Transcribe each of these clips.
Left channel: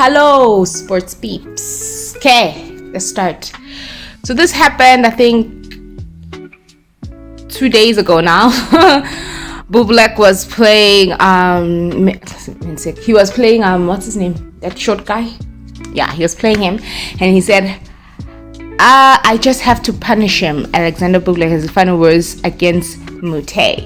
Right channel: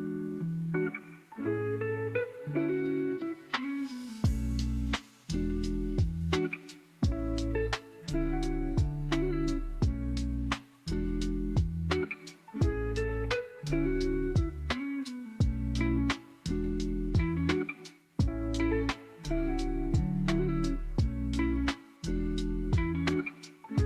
Hello, sports peeps. Okay, let's start. So this happened, I think, 2 days ago now. Bublek was playing. He was playing. What's his name? That short guy. Yeah, he was playing him, and he said, "I just have to punish him." Alexander Bublek has the final words against Mute.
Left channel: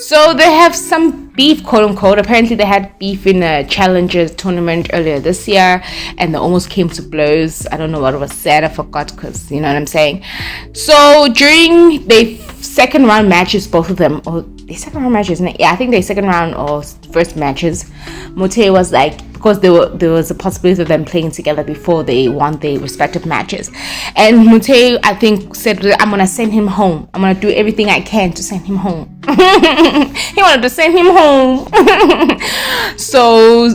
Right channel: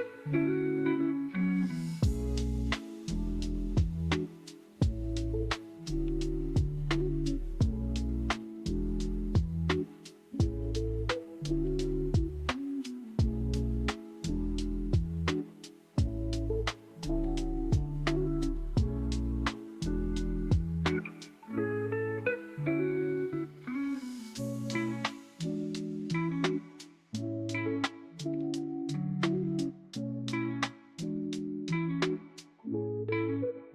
So they have some beef, quote unquote. Apparently they had beef in a Challengers tournament earlier this year, and they almost came to blows. I don't know what was said, I forgot, because you know what I'm saying. So during the second round matches, both of them, or the second round matches, yeah, I think the second round or first matches, Mute was like, because there was a possibility of them playing together before they won their respective matches, and Mute, I think, said, "I'm gonna send him home. I'm gonna do everything I can to send him home." He wanted to send him home. So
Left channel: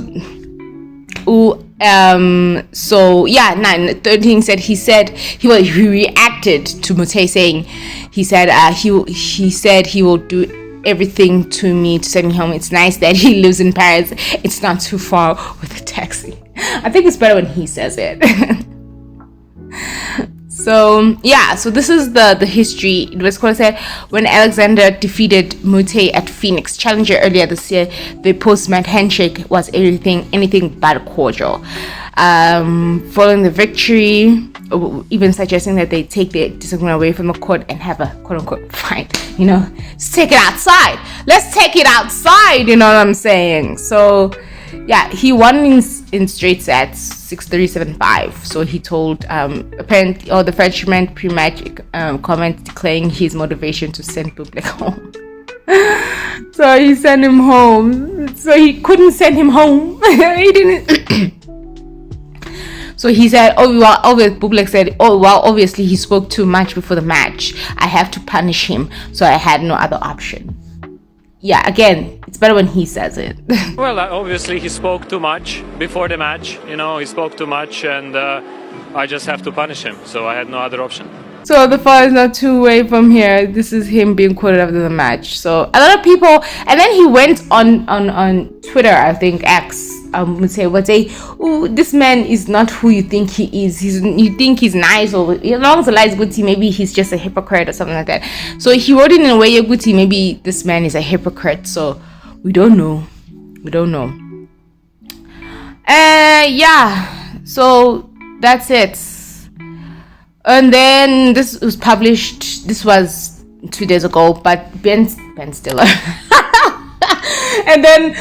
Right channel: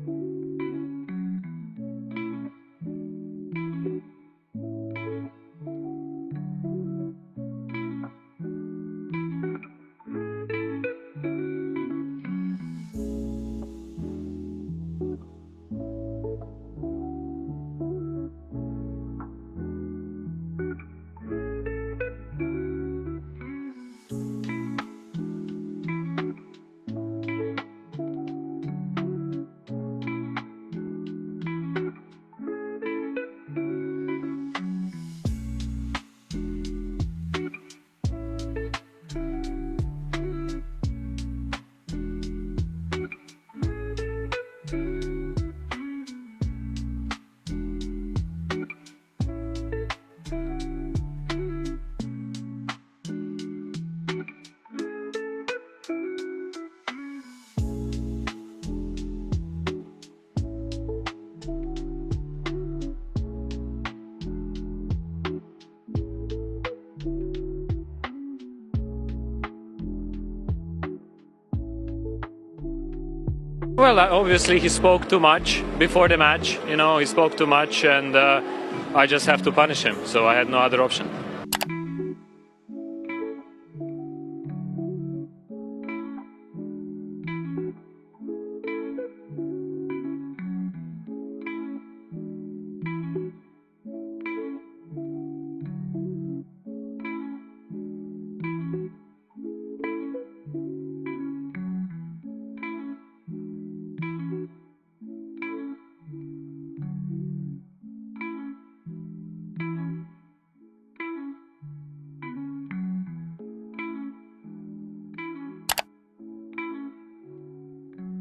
yeah, 913 said he reacted to Mute saying, he said he will do everything to me to send me home. It's nice that he lives in Paris. It's not too far with a taxi. I think it's better when he says it. So yeah, so this is the history. It was going to say, when Alexander defeated Mute at Phoenix Challenger earlier this year, the post-match handshake was anything but cordial. Following the victory, even suggesting that they take their disagreement away from the court and have a quote-unquote fight. You know, just take it outside. Let's take it outside. You know what I'm saying? So yeah, he won in straight sets, 6-3, 7-5. So he told apparently, the Frenchman pre-match comment declaring his motivation to send Bublek home. So he sent him home. So he couldn't send him home. He didn't. So he said, Bublek said, obviously he spoke too much before the match. I have to punish him, so I had no other option. Yeah, again, it's better when he says it. Well, obviously he spoke too much before the match. You know, he spoke too much, and I just have to punish him, so I had no other option. So the fall is not too away from here. This is him being quoted after the match. So a lot of people, and then he went on Twitter, I think X, would say, "Oh, this man is not who you think he is. You think he's nice, or as long as the lies Guti, maybe he's just a hypocrite or something like that." So he wrote it in a way, Guti, maybe this man is a hypocrite. So we don't know. Yeah. So that's it. And then this was published. This was 2 days ago, but Ben Stiller. And then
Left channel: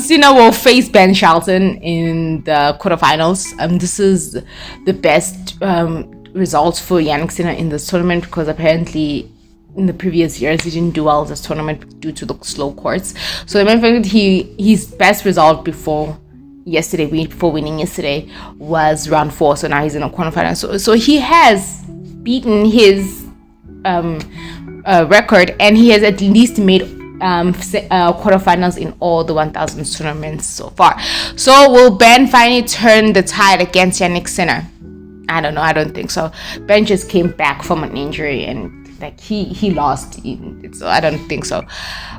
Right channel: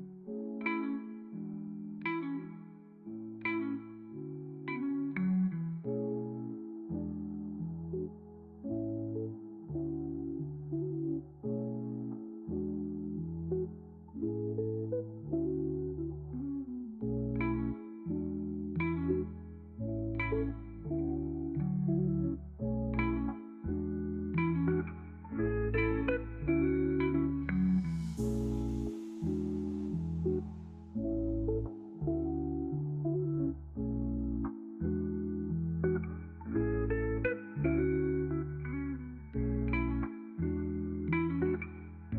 Sinner will face Ben Shelton in the quarterfinals. This is the best results for Jannik Sinner in this tournament, because apparently in the previous years he didn't do well in this tournament due to the slow courts. So the main fact, his best result before winning yesterday was round 4. So now he's in a quarterfinal. So he has beaten his record, and he has at least made quarterfinals in all the 1000 tournaments so far. So will Ben finally turn the tide against Jannik Sinner? I don't know. I don't think so. Ben just came back from an injury, and like he lost. So I don't think so.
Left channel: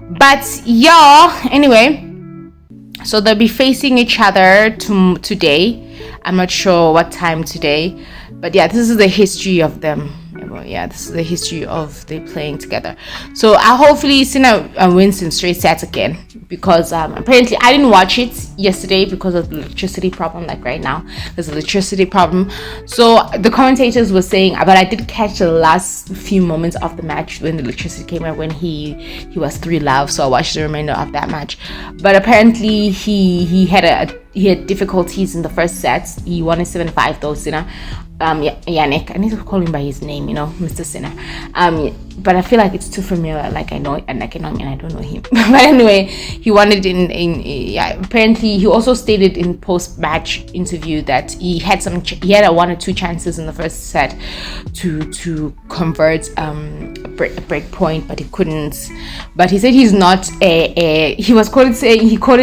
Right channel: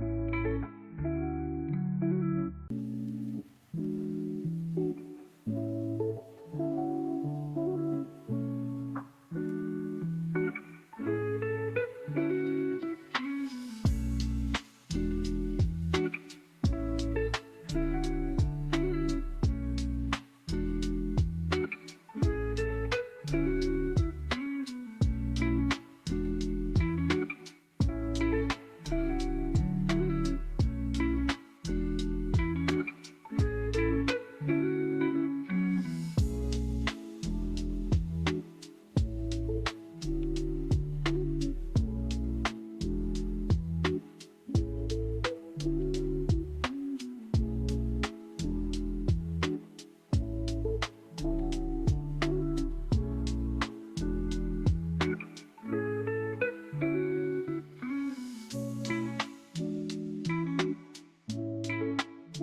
But yeah, anyway. So they'll be facing each other today. I'm not sure what time today, but yeah, this is the history of them. Yeah, this is the history of they playing together. So hopefully Sinner wins in straight sets again, because apparently I didn't watch it yesterday because of the electricity problem. Like right now, there's an electricity problem. So the commentators were saying, but I did catch the last few moments of the match when the electricity came out, when he was 3-love. So I watched the remainder of that match. But apparently he had difficulties in the first sets. He won a 7-5 though, Sinner. Jannik, I need to call him by his name, Mr. Sinner. But I feel like it's too familiar. Like I know him and I don't know him. But anyway, he won it apparently he also stated in post-match interview that he had a 1 or 2 chances in the first set to convert a break point, but he couldn't. But he said he's not he quoted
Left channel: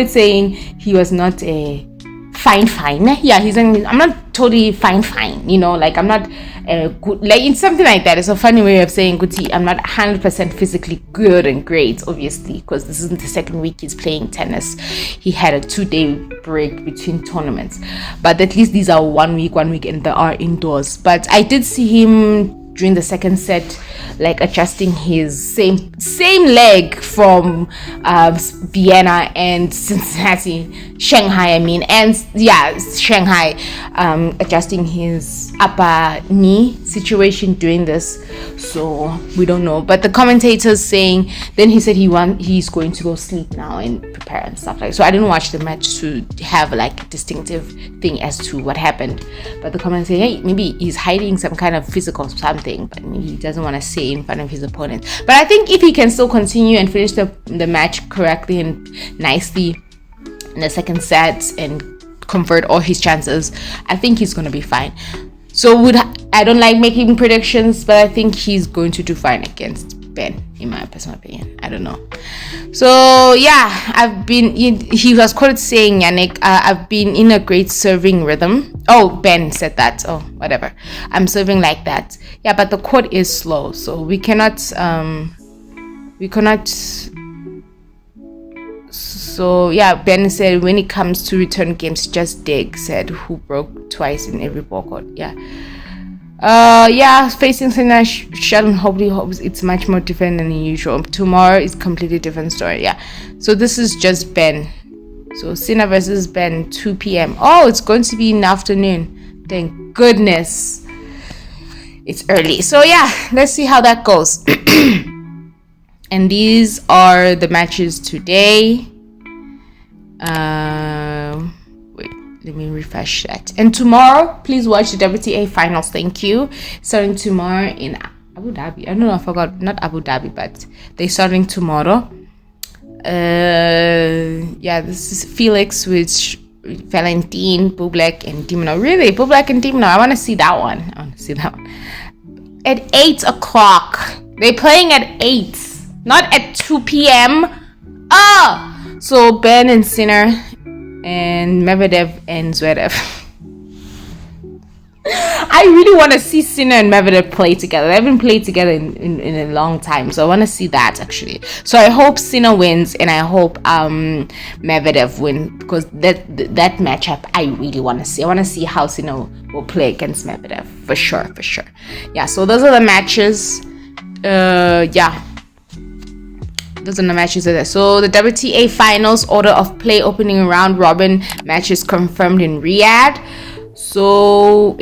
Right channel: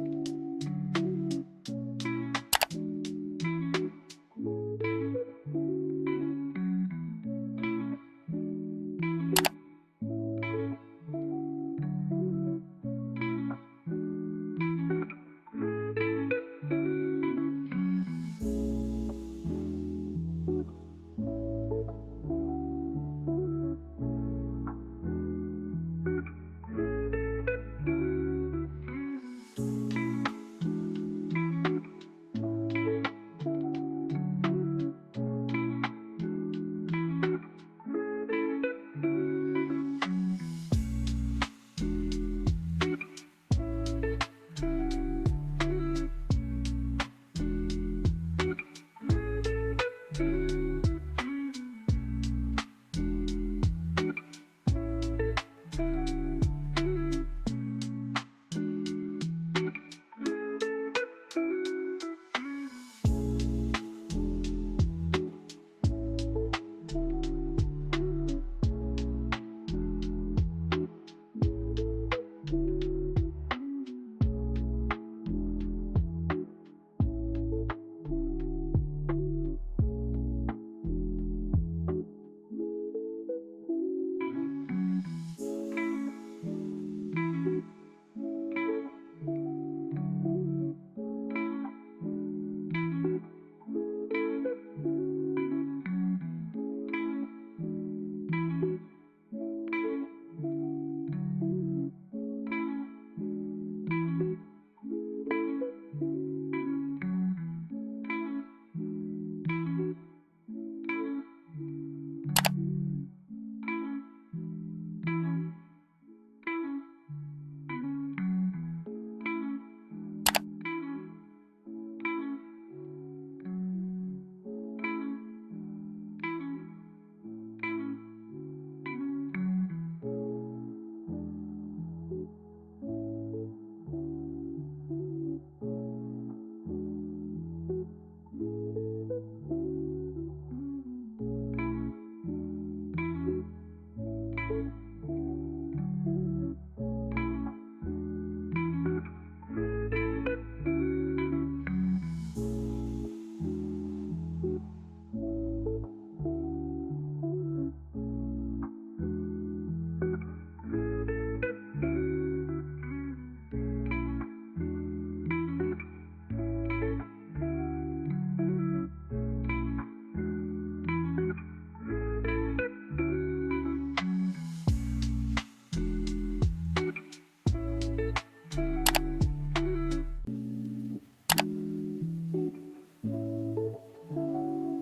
saying he was not a fine. Yeah, he's saying, I'm not totally fine, like I'm not good, like it's something like that. It's a funny way of saying Guti, I'm not 100% physically good and great, obviously, because this isn't the second week he's playing tennis. He had a 2-day break between tournaments, but at least these are 1 week and they are indoors. But I did see him during the second set, like adjusting his same leg from Vienna and Shanghai, adjusting his upper knee situation doing this. So we don't know, but the commentators saying, then he said he's going to go sleep now and prepare and stuff like. So I didn't watch the match to have like a distinctive thing as to what happened, but the commentators say, hey, maybe he's hiding some kind of physical something, but he doesn't want to say in front of his opponent. But I think if he can still continue and finish the match correctly and nicely in the second set and convert all his chances, I think he's going to be fine. So I don't like making predictions, but I think he's going to do fine against Ben, in my personal opinion. I don't know. So yeah, he was quoted saying, Yannick, I've been in a great serving rhythm. Oh, Ben said that. Oh, whatever. I'm serving like that. Yeah, but the court is slow, so we cannot. So yeah, Ben said when it comes to return games, just dig, said who broke twice in every ball court. Yeah, facing Sinner, Sheldon hopefully hopes it's much more different than usual. Tomorrow is completely different story. Yeah, so this is just Ben. So Sinner versus Ben, 2 p.m. Oh, it's going to be in the afternoon. Thank goodness it's early. So yeah, let's see how that goes. And these are the matches today. Wait, let me refresh that. And tomorrow, please watch the WTA finals. Thank you. Starting tomorrow in Abu Dhabi. I don't know, I forgot. Not Abu Dhabi, but they're starting tomorrow. Yeah, this is Felix with Valentin, Bublik, and Dimino. Really, Bublik and Dimino. I want to see that one. At 8 o'clock. They're playing at 8, not at 2 p.m. So Ben and Sinner and Medvedev and Zverev. I really want to see Sinner and Medvedev play together. They haven't played together in a long time, so I want to see that actually. So I hope Sinner wins and I hope Medvedev wins, because that matchup I really want to see. I want to see how Sinner will play against Medvedev for sure. Yeah, so those are the matches. Those are the matches there. So the WTA finals order of play opening round robin matches confirmed in Riyadh. So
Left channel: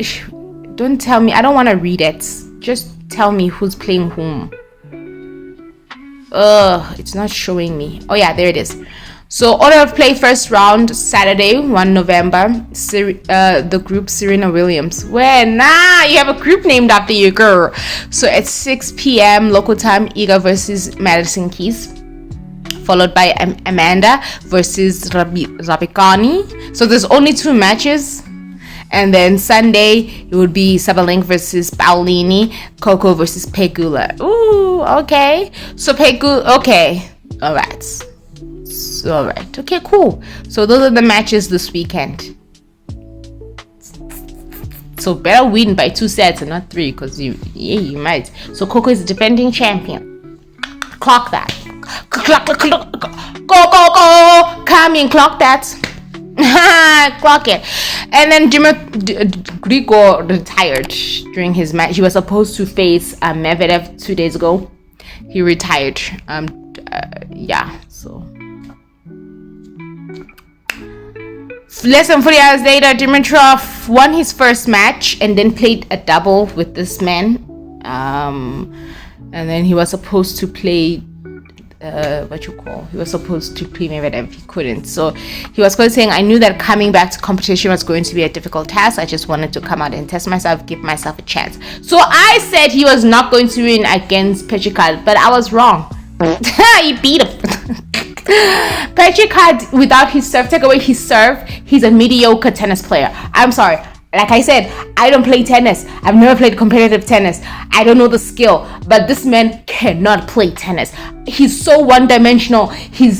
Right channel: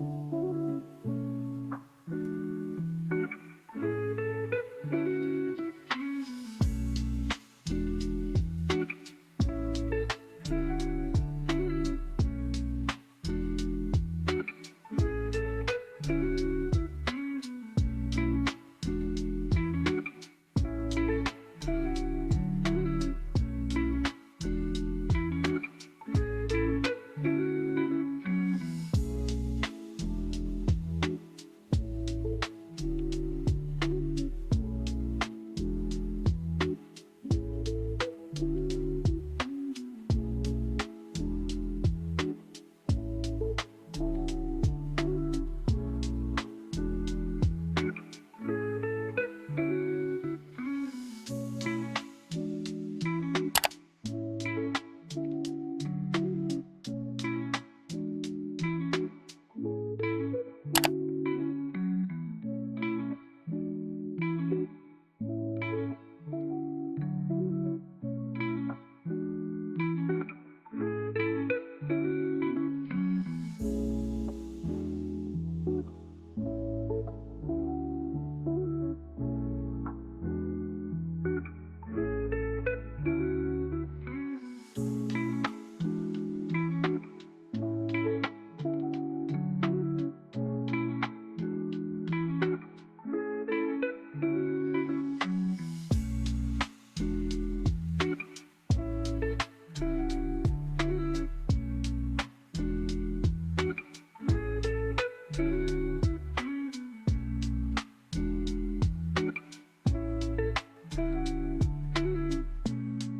don't tell me, I don't want to read it. Just tell me who's playing whom. It's not showing me. Oh yeah, there it is. So order of play first round Saturday 1 November. The group Serena Williams. You have a group named after you, girl. So at 6 p.m. local time, Iga versus Madison Keys, followed by Amanda versus Raducanu. So there's only 2 matches. And then Sunday, it would be Sabalenka versus Paolini, Coco versus Pegula. Ooh, okay. So Pegula, okay. All right. Okay, cool. So those are the matches this weekend. So better win by 2 sets and not 3, because you might. So Coco is the defending champion. Clock that. Clock. Go. Come in, clock that. Clock it. And then Grigor retired during his match. He was supposed to face Medvedev 2 days ago. He retired. So less than 40 hours later, Dimitrov won his first match and then played a double with this man. And then he was supposed to play he was supposed to play Medvedev. He couldn't. So he was saying, I knew that coming back to competition was going to be a difficult task. I just wanted to come out and test myself, give myself a chance. So I said he was not going to win against Petricard, but I was wrong. He beat him. Petricard, without his serve, take away his serve, he's a mediocre tennis player. I'm sorry. Like I said, I don't play tennis. I've never played competitive tennis. I don't know the skill, but this man cannot play tennis. He's so one-dimensional. He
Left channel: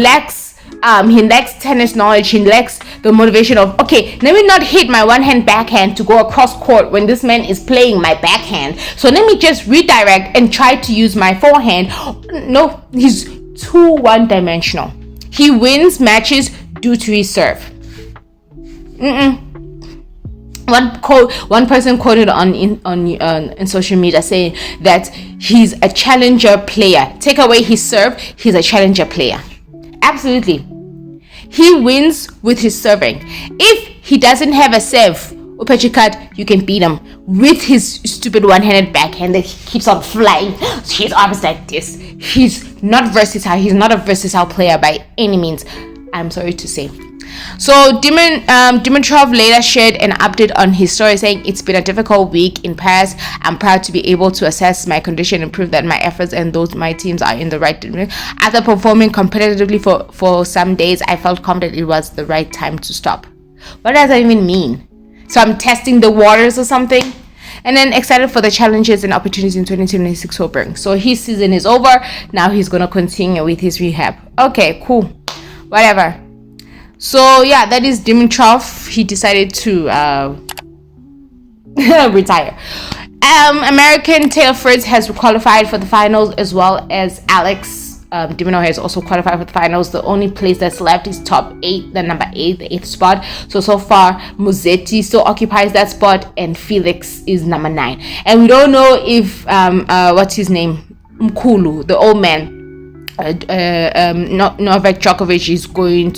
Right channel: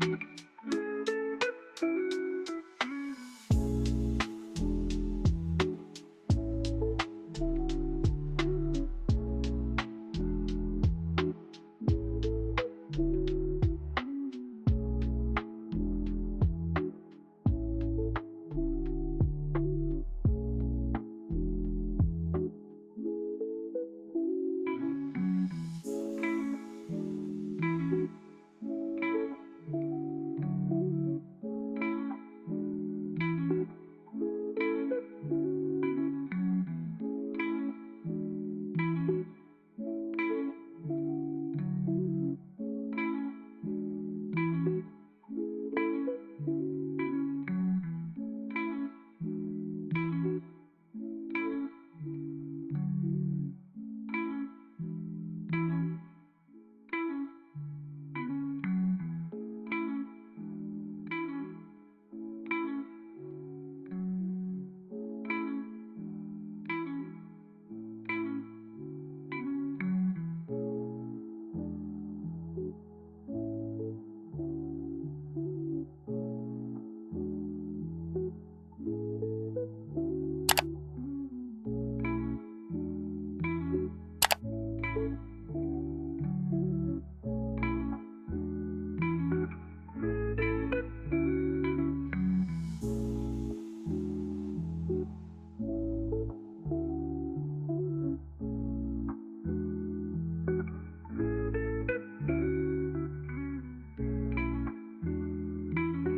lacks he lacks tennis knowledge. He lacks the motivation of, okay, let me not hit my one hand backhand to go across court when this man is playing my backhand. So let me just redirect and try to use my forehand. No, he's too one-dimensional. He wins matches due to his serve. One person quoted on social media saying that he's a challenger player. Take away his serve, he's a challenger player. Absolutely. He wins with his serving. If he doesn't have a serve, Upachikat, you can beat him with his stupid one-handed backhand that he keeps on flying. His arms like this. He's not versatile. He's not a versatile player by any means, I'm sorry to say. So Dimitrov later shared an update on his story saying, it's been a difficult week in Paris. I'm proud to be able to assess my condition and prove that my efforts and those my teams are in the right direction. After performing competitively for some days, I felt confident it was the right time to stop. What does that even mean? So I'm testing the waters or something? And then excited for the challenges and opportunities in 2026 will bring. So his season is over. Now he's going to continue with his rehab. Okay, cool. Whatever. So yeah, that is Dimitrov. He decided to retire. American Taylor Fritz has qualified for the finals, as well as Alex de Minaur has also qualified for the finals. The only place that's left is top 8, the number 8, the 8th spot. So far, Musetti still occupies that spot, and Felix is number 9. And we don't know if what's his name, Mkulu, the old man, Novak Djokovic is going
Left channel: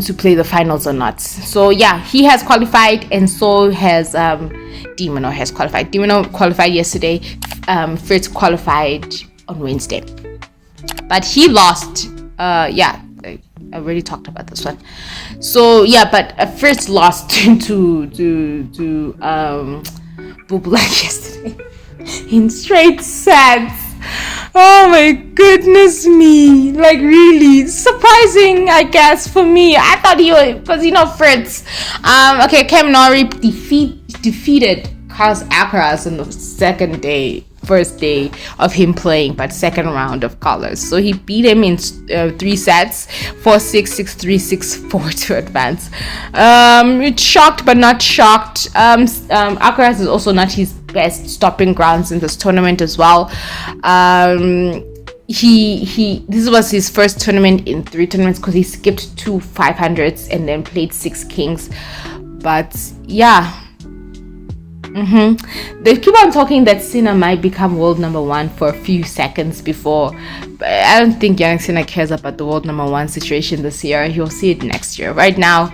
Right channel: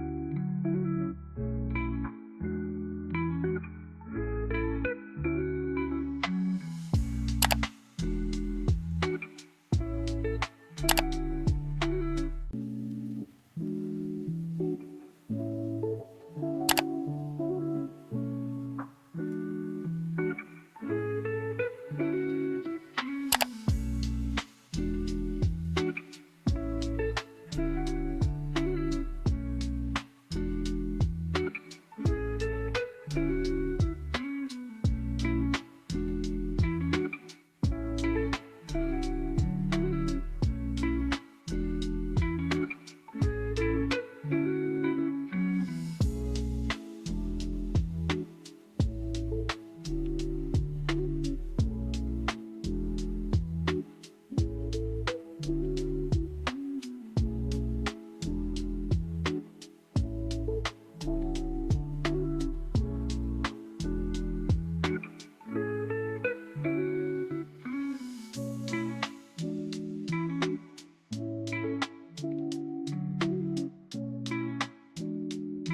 to play the finals or not. So yeah, he has qualified, and so has de Minaur has qualified. De Minaur qualified yesterday. Fritz qualified on Wednesday, but he lost. I already talked about this one. So yeah, but Fritz lost to Bubulak yesterday in straight sets. Oh my goodness me. Like, really surprising, I guess, for me. I thought he was, Fritz. Okay, Cam Norrie defeated Carlos Alcaraz in the first day of him playing, but second round of Carlos. So he beat him in 3 sets, 4-6, 6-3, 6-4 to advance. It's shocked but not shocked. Alcaraz is also not his best stopping grounds in this tournament as well. This was his first tournament in 3 tournaments, because he skipped 2 500s and then played 6 kings. But yeah. They keep on talking that Sinner might become world number 1 for a few seconds before. But I don't think Jannik Sinner cares about the world number 1 situation this year. He'll see it next year. Right now,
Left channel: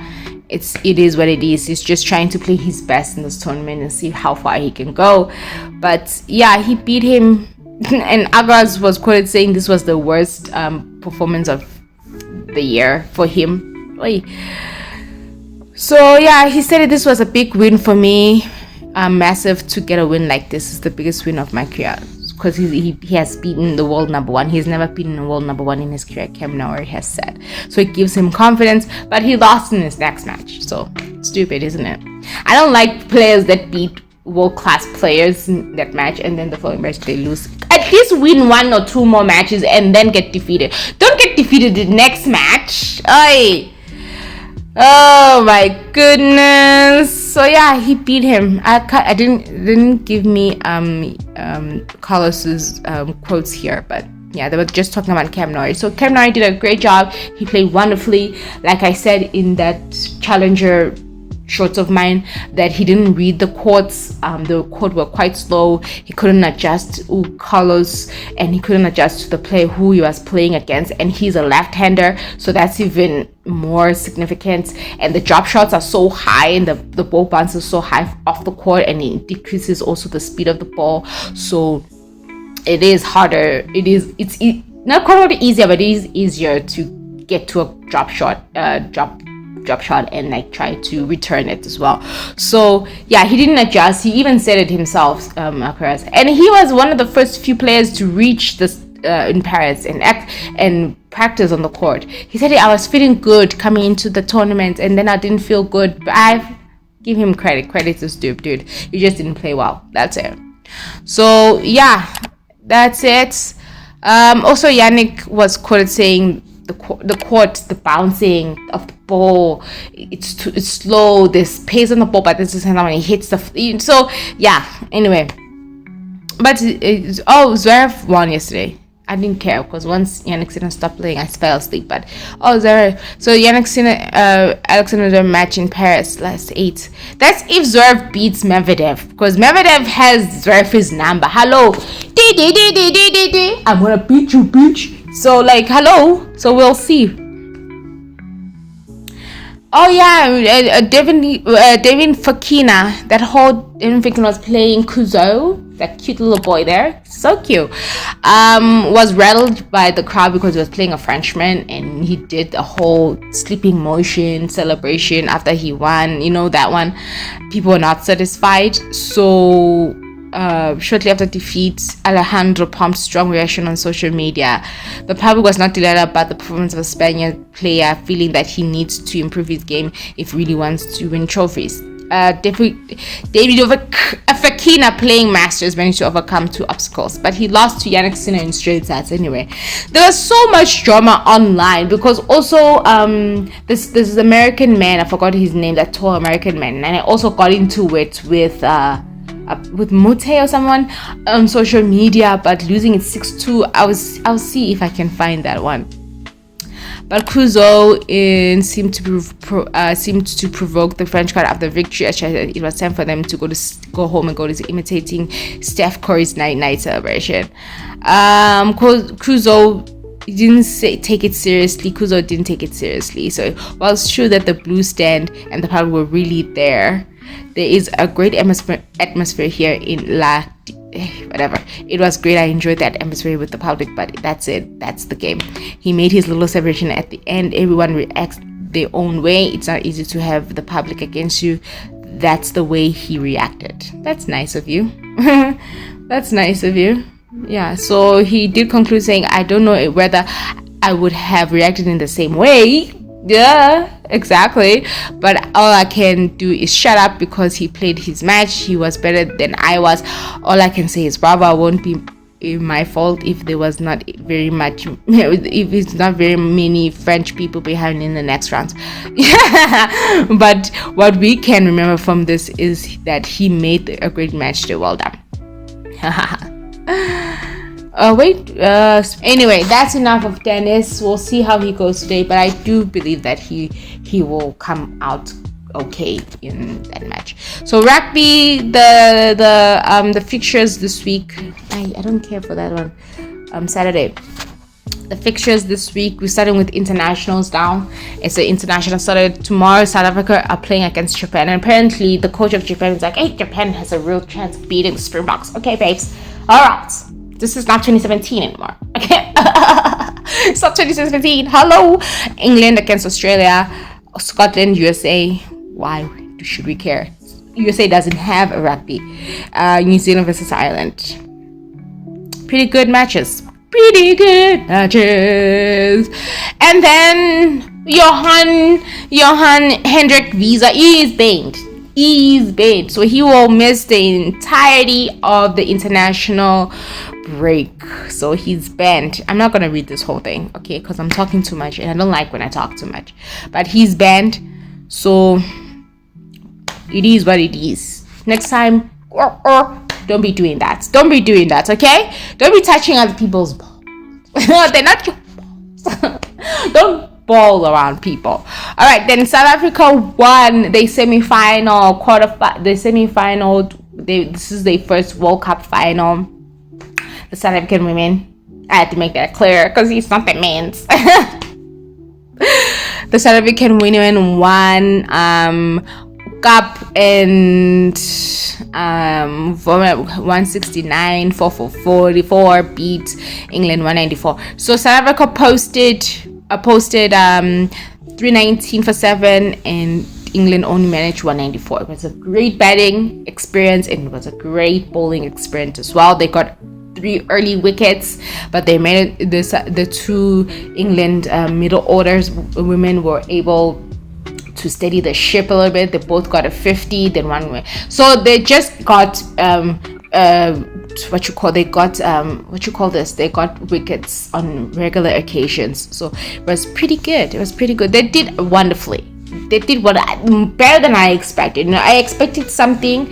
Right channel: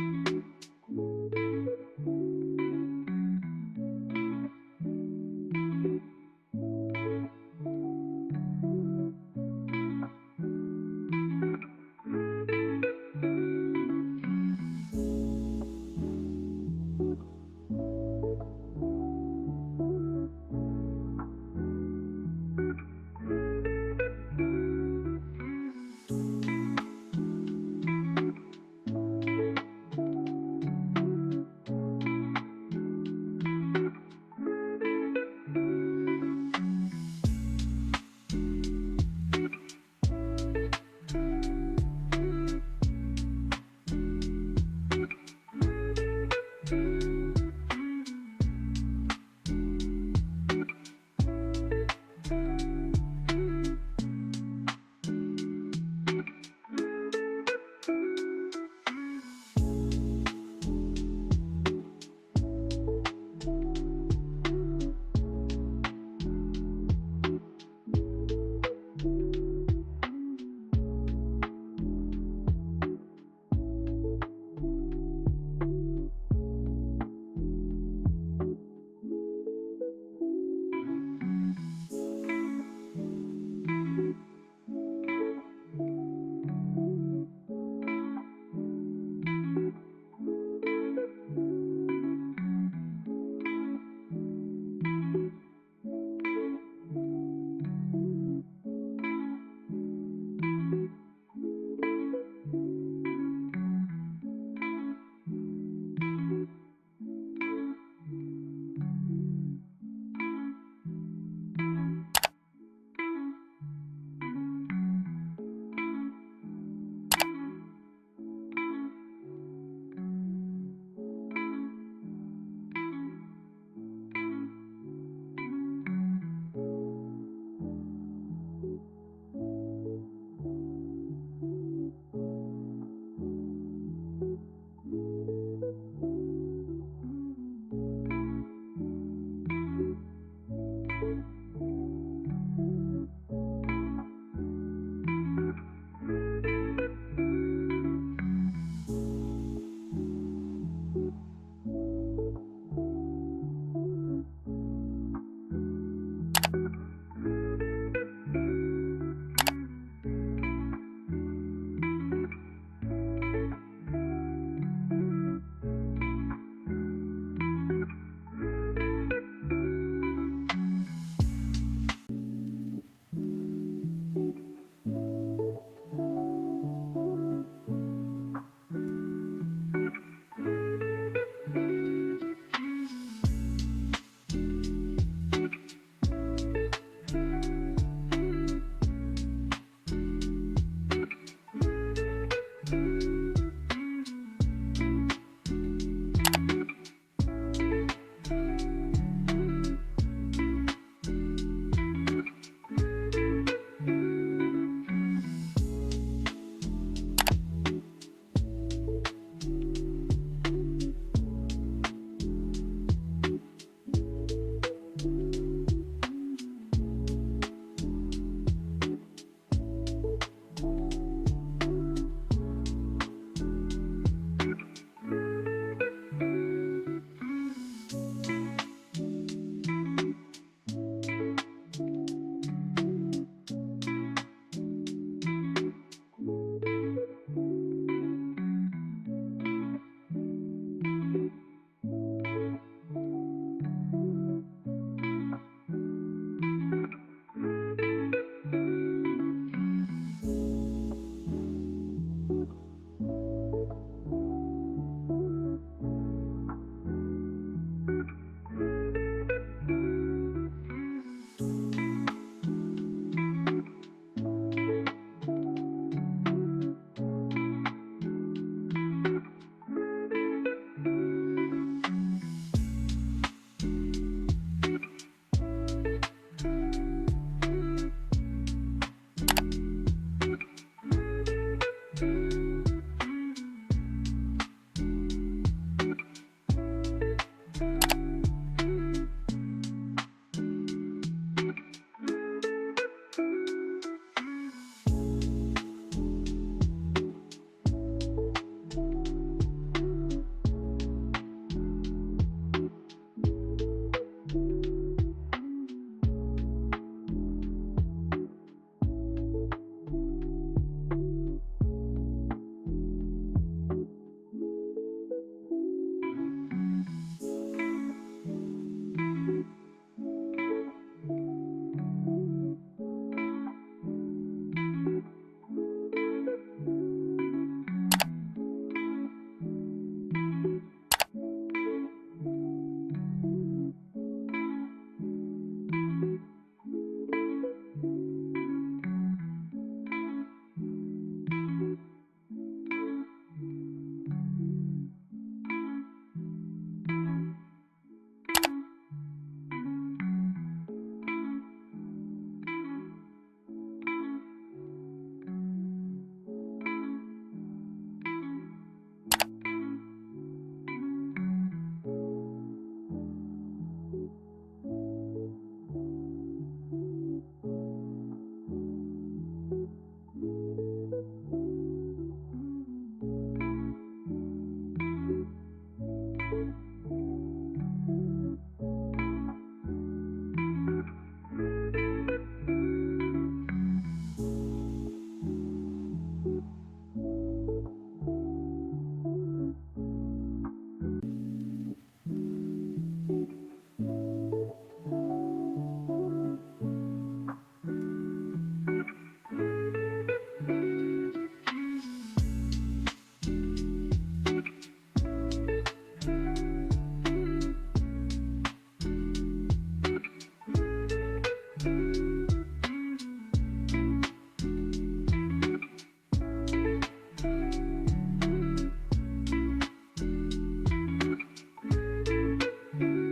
it is what it is. He's just trying to play his best in this tournament and see how far he can go. But yeah, he beat him. And Alcaraz was quoted saying this was the worst performance of the year for him. So yeah, he said this was a big win for me. Massive to get a win like this. Is the biggest win of my career, because he has beaten the world number 1. He's never beaten the world number 1 in his career, Cam Norrie has said. So it gives him confidence, but he lost in his next match. So stupid, isn't it? I don't like players that beat world-class players in that match and then the following match they lose. At least win 1 or 2 more matches and then get defeated. Don't get defeated the next match. Oh my goodness. So yeah, he beat him. I didn't give me Carlos's quotes here, but yeah, they were just talking about Cam Norrie. So Cam Norrie did a great job. He played wonderfully. Like I said in that Challenger shorts of mine, that he didn't read the courts. The court were quite slow. He couldn't adjust Carlos, and he couldn't adjust to the player who he was playing against, and he's a left-hander, so that's even more significant. And the drop shots are so high, and the ball bounce is so high off the court, and it decreases also the speed of the ball. So it is harder. It's not quite easier, but it is easier to get to a drop shot and like try to return it as well. So yeah, he didn't adjust. He even said it himself, Alcaraz, and he was one of the first few players to reach this in Paris and act and practice on the court. He said, I was feeling good coming into the tournament, and then I didn't feel good. But I give him credit. Credit is due, dude. You just didn't play well. That's it. So yeah, that's it. Also, Jannik was quoted saying the court, the bouncing of the ball, it's slow. There's pace on the ball, but this is when he hits the. So yeah. Anyway, but Zverev won yesterday. I didn't care because once Jannik Sinner stopped playing, I fell asleep. But Zverev. So Jannik Sinner, Alexander match in Paris last 8. That's if Zverev beats Medvedev, because Medvedev has Zverev's number. Hello, I'm gonna beat you, bitch. So hello. So we'll see. Oh yeah, Devin Fokina. That whole Devin Fokina was playing Kuzo, that cute little boy there, so cute. Was rattled by the crowd because he was playing a Frenchman, and he did the whole sleeping motion celebration after he won. You know that one. People were not satisfied. So shortly after defeat, Alejandro pumped strong reaction on social media. The public was not delighted about the performance of a Spaniard player, feeling that he needs to improve his game if he really wants to win trophies. David Fokina playing Masters managed to overcome 2 obstacles, but he lost to Jannik Sinner in straight sets anyway. There was so much drama online because also this American man, I forgot his name, that tall American man, and I also got into it with Mute or someone on social media, but losing it 6-2. I'll see if I can find that one. But Kuzo seemed to provoke the French crowd after victory. It was time for them to go home and go to imitating Steph Curry's night celebration. Kuzo didn't take it seriously. So while it's true that the blue stand and the public were really there is a great atmosphere here in whatever. It was great. I enjoyed that atmosphere with the public, but that's it. That's the game. He made his little celebration at the end. Everyone reacts their own way. It's not easy to have the public against you. That's the way he reacted. That's nice of you. That's nice of you. Yeah, so he did conclude saying, I don't know whether I would have reacted in the same way. Yeah, exactly. But all I can do is shut up because he played his match. He was better than I was. All I can say is, bravo, it won't be my fault if there was not very much, if it's not very many French people behind in the next round. Yeah. But what we can remember from this is that he made a great match. Well done. Anyway, that's enough of tennis. We'll see how he goes today, but I do believe that he will come out okay in that match. So rugby, the fixtures this week, I don't care for that one. Saturday, the fixtures this week, we're starting with internationals now. It's the international started tomorrow. South Africa are playing against Japan, and apparently the coach of Japan is like, hey, Japan has a real chance of beating the Springboks. Okay, babes, all right, this is not 2017 anymore. Okay. It's not 2017. Hello. England against Australia, Scotland, USA. Why should we care? USA doesn't have a rugby. New Zealand versus Ireland. Pretty good matches. And then Johan Hendrik Visa is banned. So he will miss the entirety of the international break. So he's banned. I'm not gonna read this whole thing, okay, because I'm talking too much and I don't like when I talk too much. But he's banned, so it is what it is. Next time, don't be doing that. Okay? Don't be touching other people's balls. They're not your balls. Don't ball around people. All right, then South Africa won the semi-final, this is their first World Cup final. The South African women, I had to make that clear because it's not that means. The South African women won Cup and 169 444 beat England 194. So South Africa posted 319 for 7 and England only managed 194. It was a great batting experience and it was a great bowling experience as well. They got 3 early wickets, but they made it. The 2 England middle orders women were able to steady the ship a little bit. They both got a 50, then one way. So they just got 2 they got wickets on regular occasions, so it was pretty good. They did wonderfully. They did better than I expected. I expected something,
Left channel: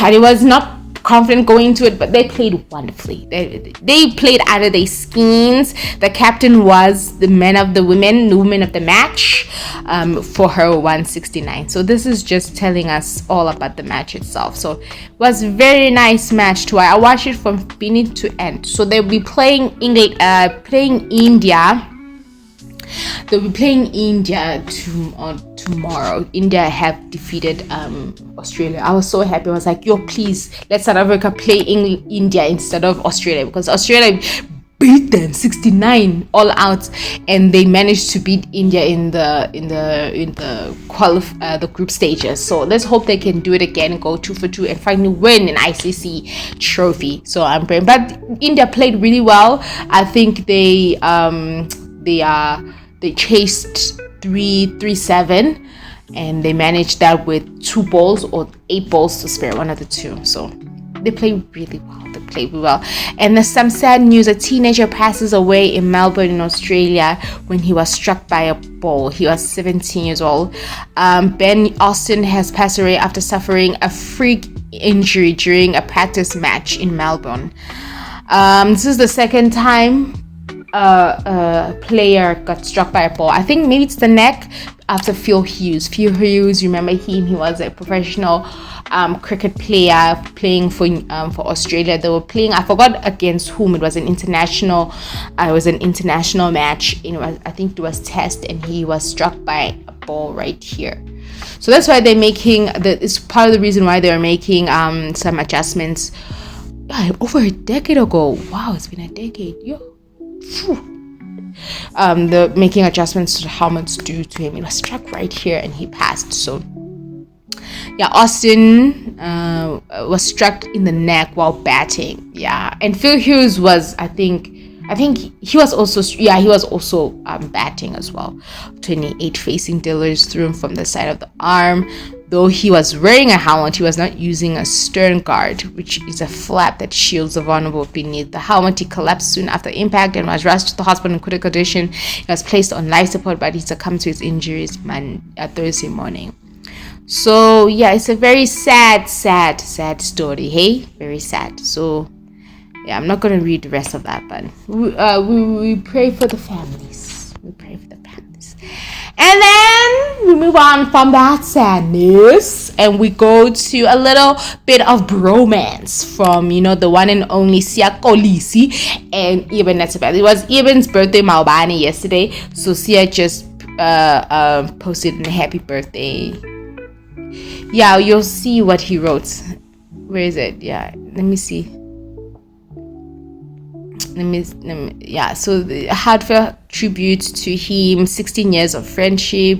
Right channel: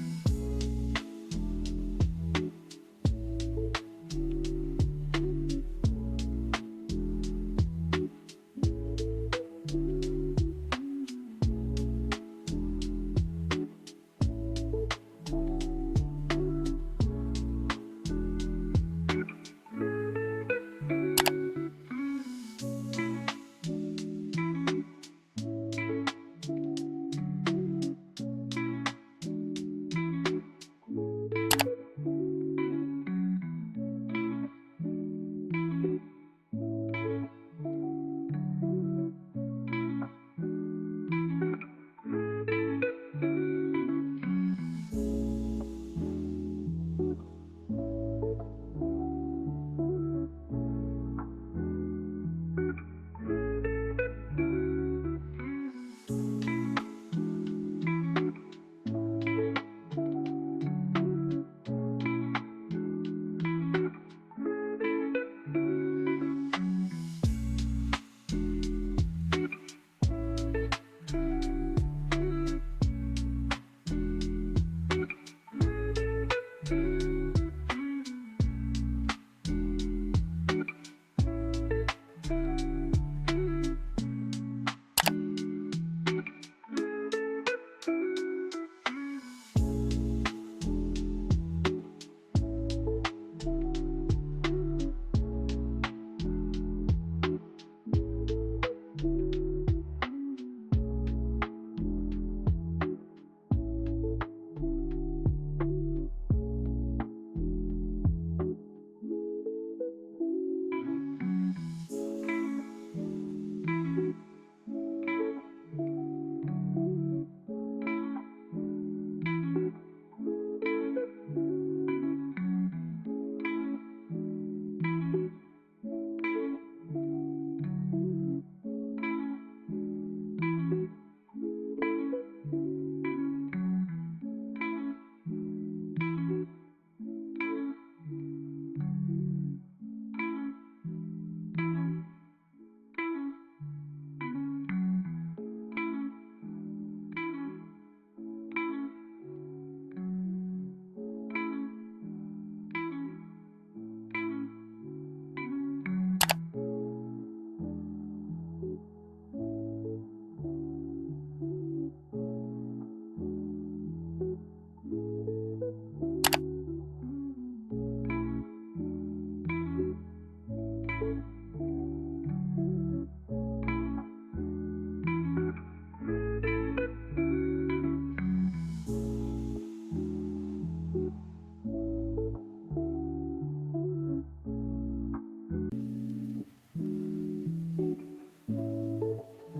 and it was not confident going into it, but they played wonderfully. They played out of their skins. The captain was the woman of the match, for her 169. So this is just telling us all about the match itself. So it was a very nice match too. I watched it from beginning to end. So they'll be playing India. They'll be playing India tomorrow. India have defeated Australia. I was so happy. I was like, yo, please let South Africa play India instead of Australia, because Australia beat them 69 all out, and they managed to beat India in the group stages. So let's hope they can do it again and go 2 for 2 and finally win an ICC trophy. So I'm praying. But India played really well. I think they chased 3-7, and they managed that with 2 balls or 8 balls to spare, one of the two. So they played really well. And there's some sad news. A teenager passes away in Melbourne in Australia when he was struck by a ball. He was 17 years old. Ben Austin has passed away after suffering a freak injury during a practice match in Melbourne. This is the second time a player got struck by a ball. I think maybe it's the neck, after Phil Hughes. Remember him? He was a professional cricket player playing for Australia. They were playing, I forgot against whom. It was an international match. I think it was Test, and he was struck by a ball right here. So that's why they're making it's part of the reason why they're making some adjustments. Over a decade ago. Wow, it's been a decade. Yo. They're making adjustments to how much due to him. He was struck right here and he passed. So yeah, Austin was struck in the neck while batting. Yeah, and Phil Hughes was, I think he was also batting as well. 28 facing dealers threw him from the side of the arm. Though he was wearing a helmet, he was not using a stern guard, which is a flap that shields the vulnerable beneath the helmet. He collapsed soon after impact and was rushed to the hospital in critical condition. He was placed on life support, but he succumbed to his injuries Thursday morning. So yeah, it's a very sad story. Hey, very sad. So yeah, I'm not gonna read the rest of that, but we pray for the families. And then we move on from that sadness, and we go to a little bit of bromance from, the one and only Siya Kolisi and Eben Etzebeth. It was Eben's birthday, Maobane, yesterday, so Siya just posted a happy birthday. Yeah, you'll see what he wrote. Where is it? Yeah, let me see. So the heartfelt tribute to him, 16 years of friendship.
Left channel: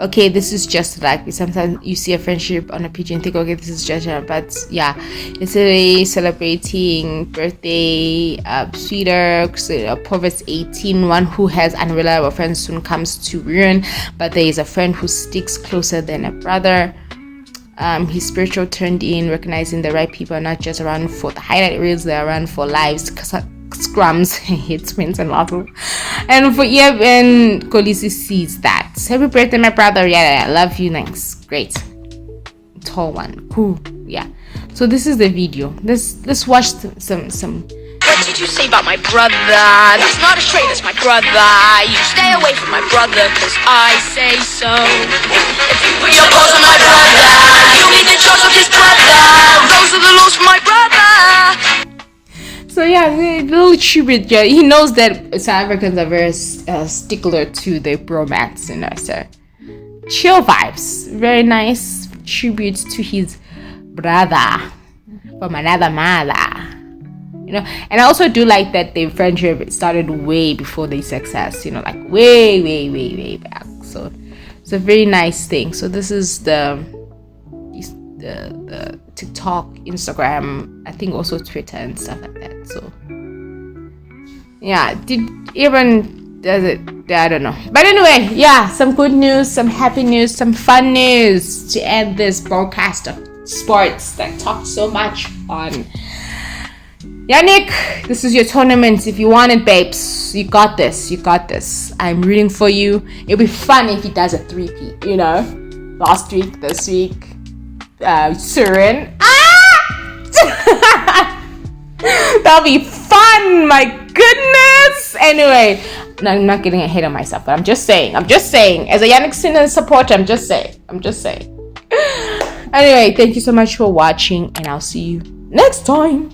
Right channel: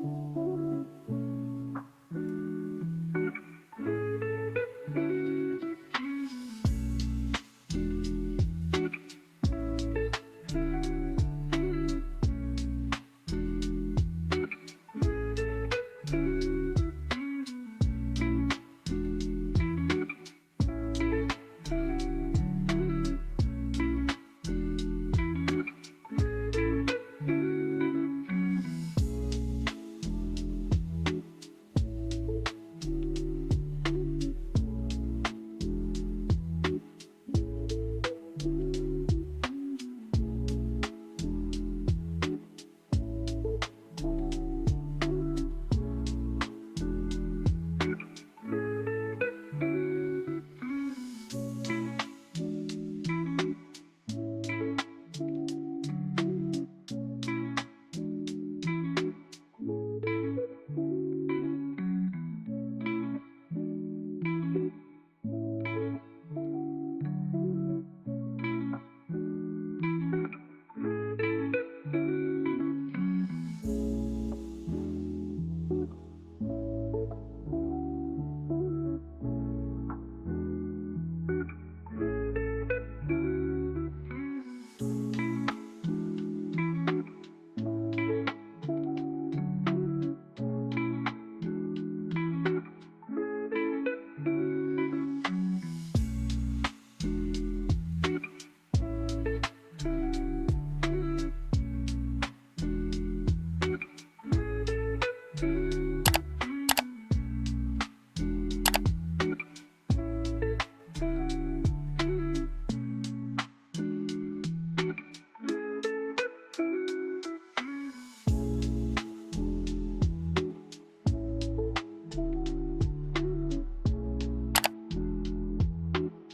Okay, this is just like, sometimes you see a friendship on a page and think, okay, this is just, but yeah, yesterday celebrating birthday, sweeter, Proverbs 18, one who has unreliable friends soon comes to ruin, but there is a friend who sticks closer than a brother. His spiritual turned in, recognizing the right people are not just around for the highlight reels, they're around for lives, scrums, hits, wins, and losses. And for Eben, Kolisi sees that. Happy birthday, my brother. Yeah, I love you. Thanks. Great. Tall one. Cool. Yeah. So this is the video. Let's watch some. What did you say about my brother? That's not a trait, that's my brother. You stay away from my brother, cause I say so. If you put your paws on my brother, you'll be the choice of his brother. Those are the laws for my brother. So yeah, a little tribute. Yeah, he knows that South Africans are very stickler to their bromance, so chill vibes. Very nice tribute to his brother from another mother. And I also do like that their friendship started way before their success, like way back. So it's a very nice thing. So this is the TikTok, Instagram, I think also Twitter and stuff like that. So yeah, does it? I don't know. But anyway, yeah, some good news, some happy news, some fun news to end this broadcast of sports that talked so much on Yannick, this is your tournament. If you want it, babes, you got this. You got this. I'm rooting for you. It'll be fun if he does a 3-peat, you know? Last week, this week, Surin. That'll be fun, my goodness. Anyway, no, I'm not getting ahead of myself, but I'm just saying. As a Yannick Sinner supporter, I'm just saying. Anyway, thank you so much for watching, and I'll see you next time.